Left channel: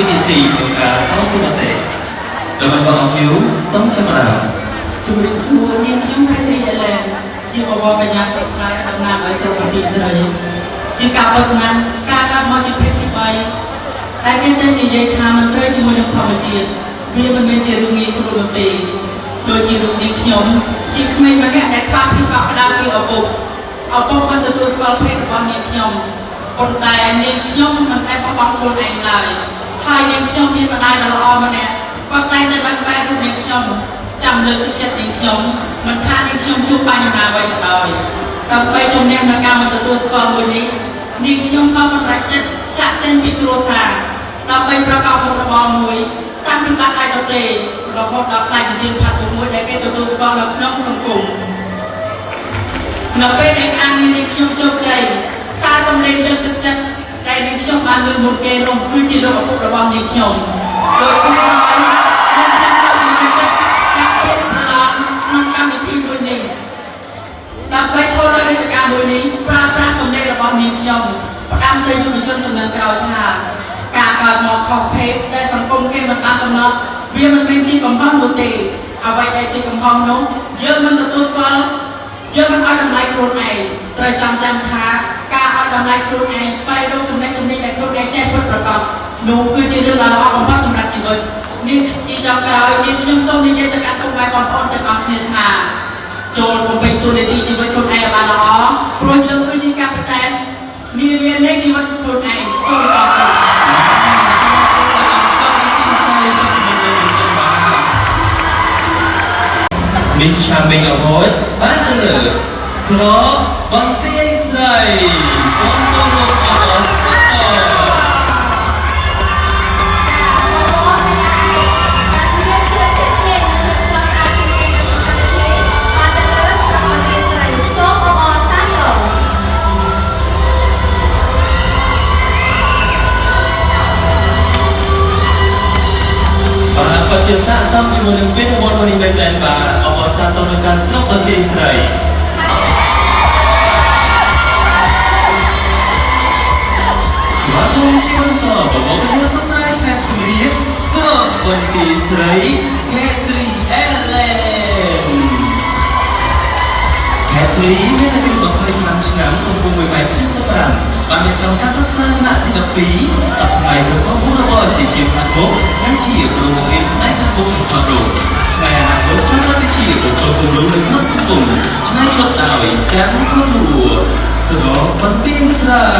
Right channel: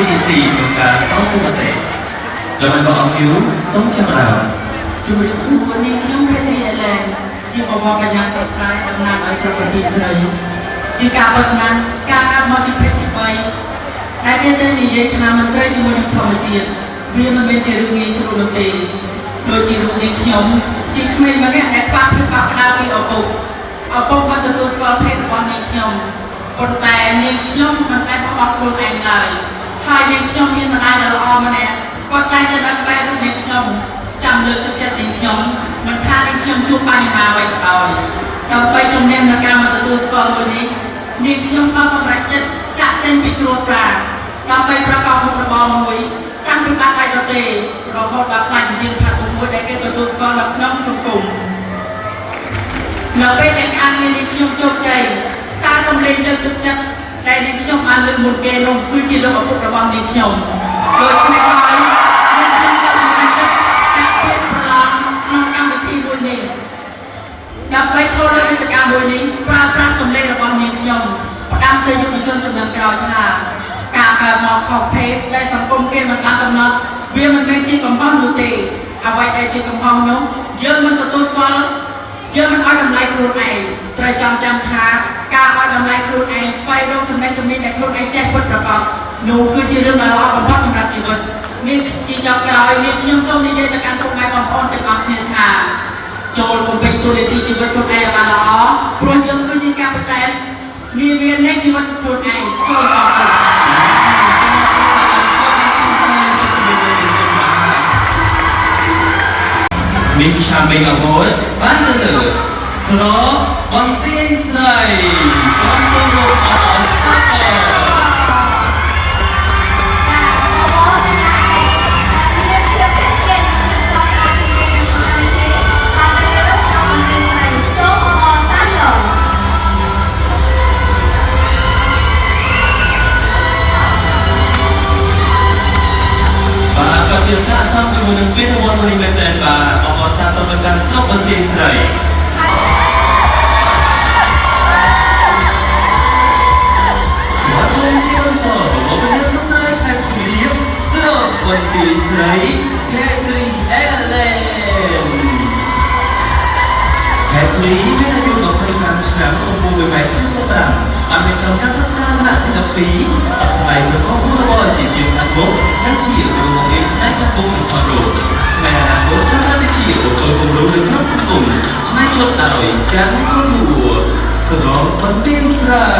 វិទ្យាទីក្នុងការតស៊ូមតិដោយមិនក៏អស់យូរសូមចម្រើនជំរាបសួរនាងខ្ញុំខេទីអេឡែនជាបវរកញ្ញាសិក្សាតំណាងឲ្យស្រុកប្រទេសស្រីជាការបើកណានការកាត់មកជាភេទទី3ដែលមានតែនិយាយថាមន្ត្រីជាមួយនឹងធម្មជាតិវាមិនមែនជារឿងងាយស្រួលនោះទេដូចជារូបនាងខ្ញុំជាក្មេងម្នាក់ដែលខ្វះភាពកក់ក្ដៅពីឪពុកបានទទួលស្គាល់ភេទរបស់នាងខ្ញុំប៉ុន្តែនាងខ្ញុំមិនដែលបោះបង់ខ្លួនឯងឡើយហើយនាងខ្ញុំមានម្ដាយដ៏ល្អម្នាក់គាត់តែងតែបានបែររូបនាងខ្ញុំចាំលើកទឹកចិត្តនាងខ្ញុំមិនថានាងខ្ញុំជួបបញ្ហាអ្វីក៏ដោយដើម្បីជំនះនៅការមិនទទួលស្គាល់មួយនេះនាងខ្ញុំក៏សម្រេចចិត្តចាក់ចេញពីគ្រួសារដើម្បីប្រកបមុខរបរមួយតាំងពីបាត់ដៃទៅទេរហូតដល់ផ្នែកជាផាត់មួយដែលគេទទួលស្គាល់នៅក្នុងសង្គមនៅពេលដែលការងារនាងខ្ញុំជោគជ័យសារសម្លេងលើកទឹកចិត្តដែលនាងខ្ញុំបានលើកមុនគេនោះគឺជាលោកឪពុករបស់នាងខ្ញុំដូច្នេះហើយនាងខ្ញុំក៏សម្រេចចិត្តការពារប្រឡងក្នុងកម្មវិធីមួយនេះដើម្បីចូលលើវេទិកាមួយនេះប្រើប្រាស់សម្លេងរបស់នាងខ្ញុំផ្ដាំទៅយុវជនជំនាន់ក្រោយថាការកើតមកខុសភេទដែលសង្គមគេមិនបានកំណត់វាមិនមែនជាកំហុសនោះទេអ្វីដែលជាកំហុសនោះយើងមិនទទួលស្គាល់យើងមិនឲ្យតម្លៃខ្លួនឯងត្រូវចាំថាការឲ្យតម្លៃខ្លួនឯងស្វែងរកចំណេះចំណេញដែលខ្លួនឯងចេះពិតប្រាកដនោះគឺជារឿងដ៏ល្អបំផុតសម្រាប់ជីវិតនេះជាចុងក្រោយនេះខ្ញុំសូមនិយាយទៅកាន់ពុកម៉ែបងប្អូនទាំងអស់គ្នាថាចូលបំពេញតួនាទីជីវិតខ្លួនឯងឲ្យបានល្អព្រោះយើងគឺជាកាពិតែននាវានៃជីវិតខ្លួនឯងសូមអរគុណMiss Charming Award បានទៅលើស្របបន្ទាយស្រីសូមគោរពអរគុណជាសាកសមជាមួយនឹងពានរង្វាន់មួយនេះមែនតើបាទអបអរសាទរទៅកាន់ស្រុកបន្ទាយស្រីស្វាគមន៍ជាសរបងប្អូនសរសើរខេត្តលៀបស្រុកបន្ទាយស្រី Catherine Ellen Catherine មានអាយុ25ឆ្នាំកំពុង1.75ម៉ែត្របានរៀបចំការសិក្សាថ្នាក់ទី12សប្តាហ៍ប្រកបមុខរបរជាជាងខាងមុខនិងជាគ្រូបង្រៀនផ្នែកសង្គមនិងផលរោផ្នែកអនាគតចង់ទៅជាបុគ្គលគំរូនៅក្នុងសង្គមឆ្នៃឆ្លុះដោយចាំគូតួស្រោបន្ទាយស្រី